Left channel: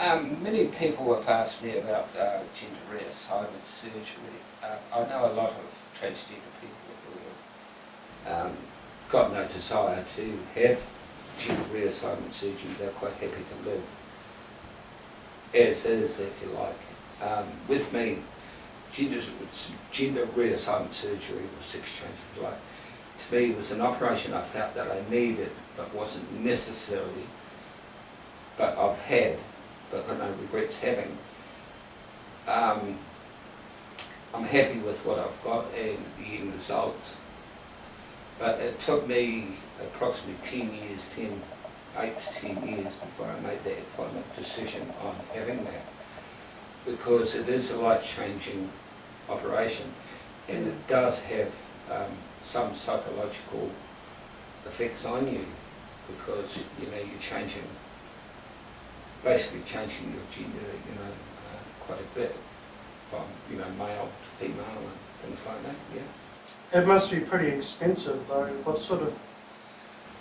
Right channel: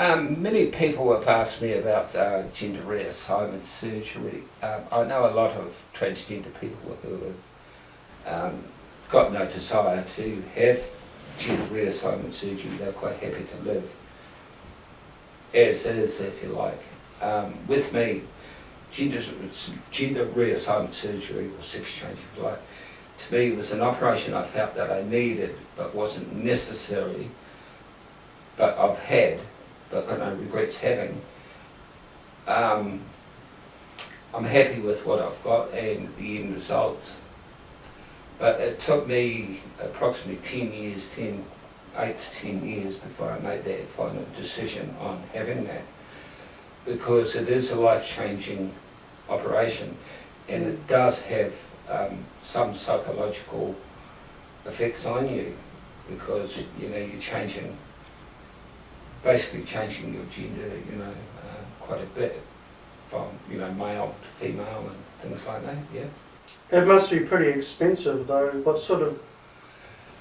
Many people have asked me about gender reassignment surgery. I know a lot of transgender people who have got no desire to have gender reassignment surgery. They're quite happy to live as is, if you like. With me, gender reassignment surgery, or sex change, if you like, to me was an operation I felt that I needed but wasn't necessary, but I've had, but got no regrets having. I'm happy with what I've got and the end results, but it took me approximately 8 to 10 years before I made that final decision on having that, because it is a life-changing operation and it does have some psychological effects on you, because you're basically changing your gender, quite a bit, from male to female and things like that. Yeah. It must be pretty expensive though. What sort of?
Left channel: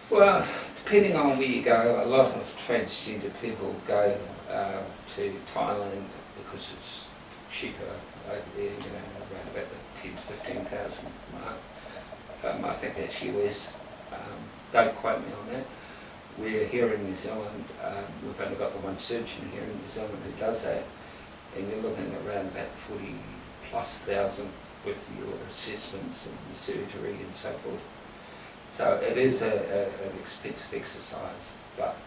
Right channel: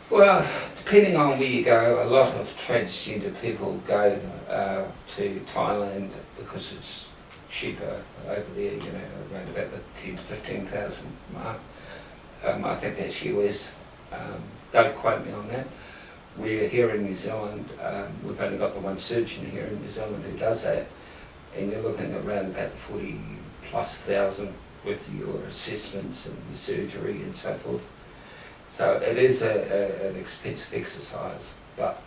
Well, depending on where you go, a lot of transgender people go to Thailand because it's cheaper over there. Around about the 10 to 15,000 mark. I think that's US. Don't quote me on that. We're here in New Zealand, we've only got the one surgeon here in New Zealand who does that, and you're looking around about 40,000+ with your assessments and your surgery and so forth. So it is an expensive exercise, but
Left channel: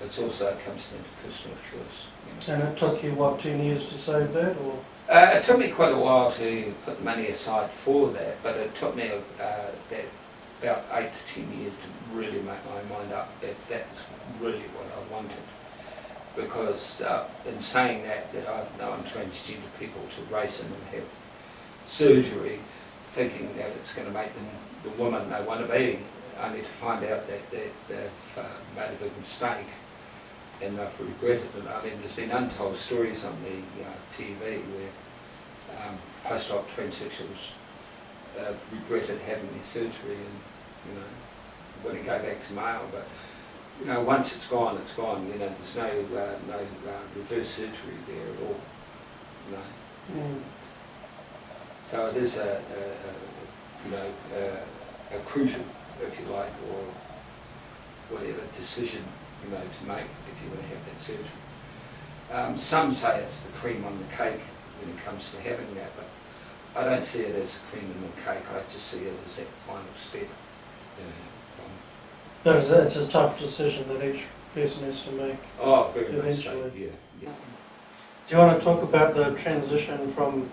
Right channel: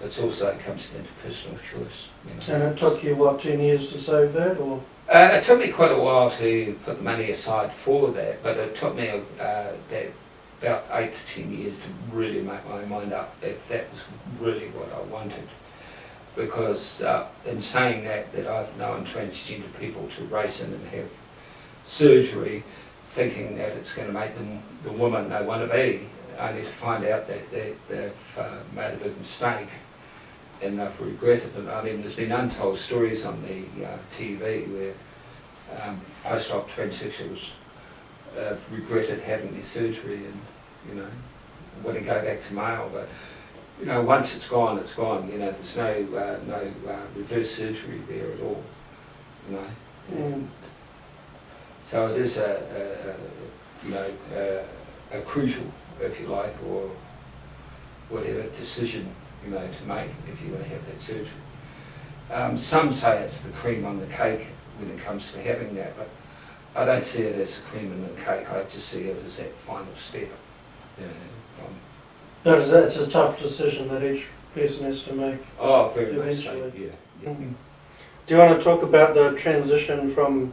it also comes into personal choice. And it took you, what, 10 years to save that, or? It took me quite a while to put the money aside for that, but it took me about 8 to 10 years to really make my mind up if that was really what I wanted. Because in saying that I've known transgender people to race in and have surgery thinking that it's going to make them the woman they want to be, only to find out that they've made a big mistake and they've regretted it. I mean, there's been untold stories on the TV where post-op transsexuals regretted having their surgery and want to go back to male, but once it's gone, it's gone. There's no reverse surgery there at all. So it is a crucial, if you like, or whatever decision to make if you want to have that surgery. Some say it's the cream on the cake when it comes to having that, but I don't see it as the cream on the cake. I just see it as that final step. No, it's a tough decision that each person has to make. Oh, very eventually. much so, yeah. Do you want to talk about the transition from,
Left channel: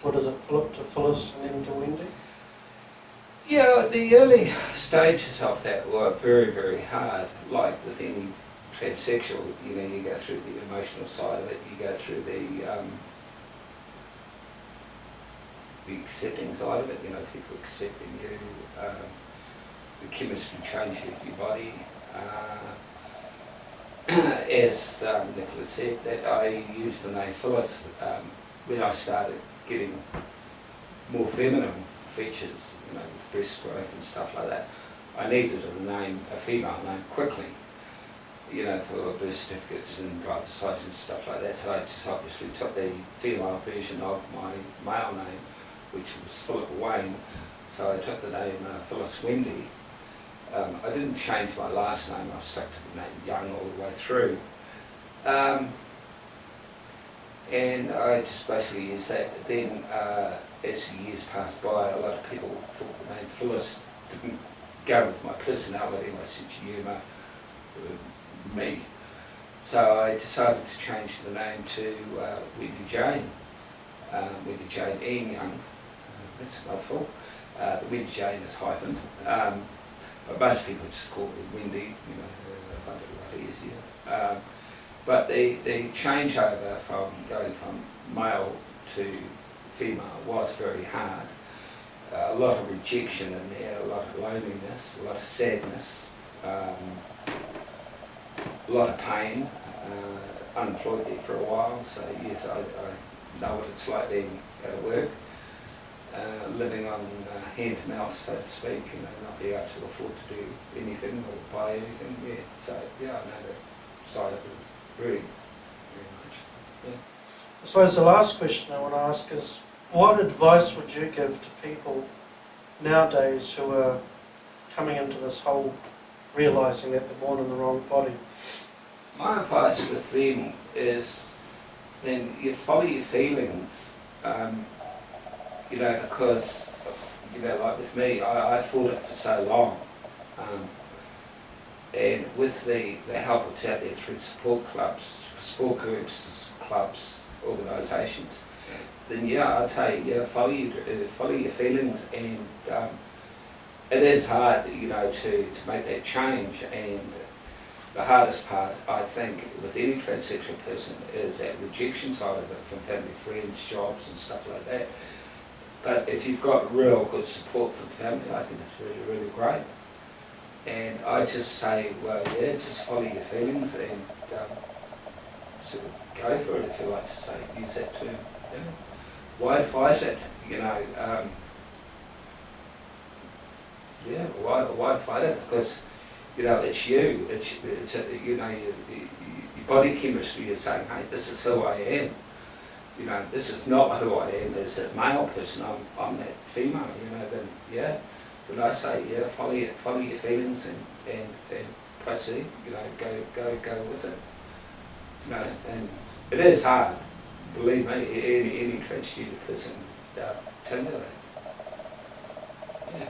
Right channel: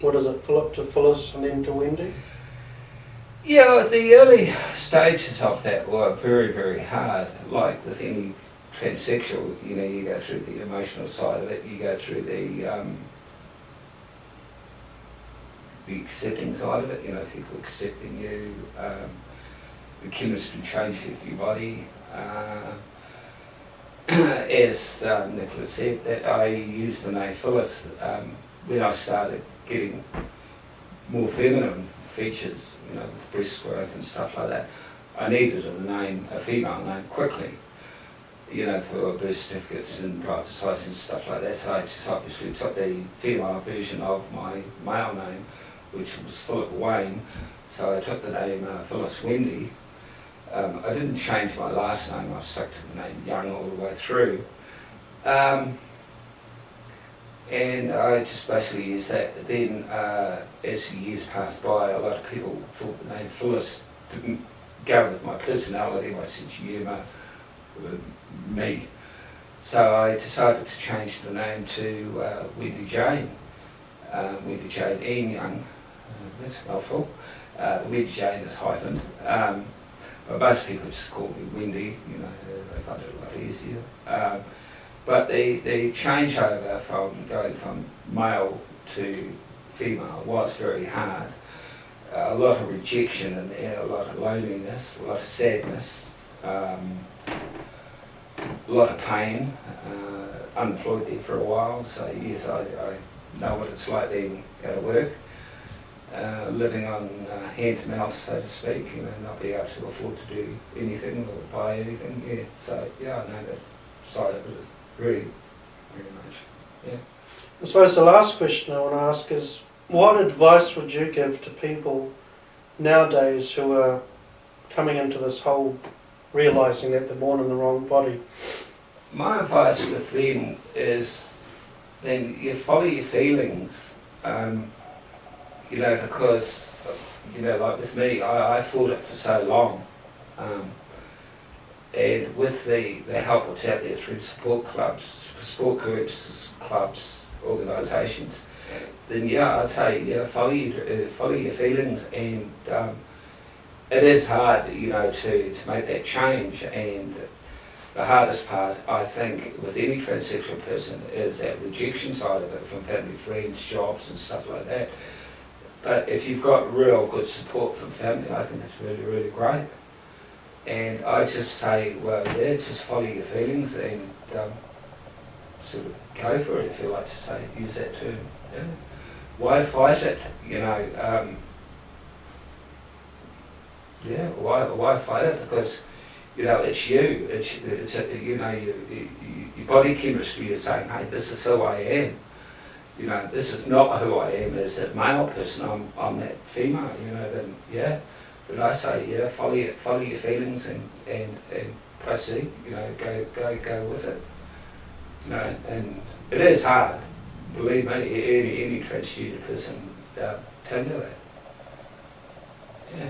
Philip to Phyllis and then to Wendy? Yeah, the early stages of that were very, very hard. Like with any transsexual, you go through the emotional side of it, you go through the accepting side of it, people accepting you, the chemistry changes of your body. As Nicola said, that I used the name Phyllis when I started getting more feminine features, with breast growth and stuff like that. I needed a female name quickly, for birth certificates and driver's license and stuff like that. So I just obviously took the female version of my male name, which was Philip Wayne. So I took the name Phyllis Wendy. I didn't change my last name, I stuck to the name Young all the way through. And I just basically used that. Then as the years passed by, a lot of people thought the name Phyllis didn't go with my personality, my sense of humour, me. So I decided to change the name to Wendy Jane. Wendy Jane Ian Young, that's a mouthful. Wendy Jane is hyphened. But most people just call me Wendy, they find it a lot easier. But the changeover from going from male to female was very hard. A lot of rejection in there, a lot of loneliness, a lot of sadness, a lot of pain. Unemployed there for a while, so yes, I know what it's like being at work. Living on hand to mouth, so to speak, not being able to afford to do anything or buy anything. Yeah, so yeah, I know that side of it is very very much. I suppose the last question I want to ask is, what advice would you give to people nowadays who are coming into this whole realising that they're born in the wrong body? My advice with them is then you follow your feelings, you know, because, you know, like with me, I fought it for so long. And with the help that's out there through support clubs, support groups, clubs, organisations, then yeah, I'd say, yeah, follow your feelings, and it is hard, you know, to make that change, and the hardest part, I think, with any transsexual person is that rejection side of it from family, friends, jobs and stuff like that. But if you've got real good support from family, I think it's really, really great. And I just say, well, yeah, just follow your feelings and sort of go for it, if you like to say, use that term. Yeah. Why fight it? You know, yeah, why fight it? Because, you know, it's you. It's you know, your body chemistry is saying, hey, this is who I am. You know, this is not who I am as a male person. I'm that female. You know, then yeah. But I say, yeah, follow your feelings and proceed. You know, go with it. You know, and it is hard. Believe me, any transgender person tell me that. Yeah.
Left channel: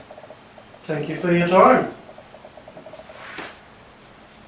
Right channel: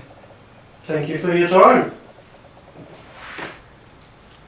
Thank you for your time.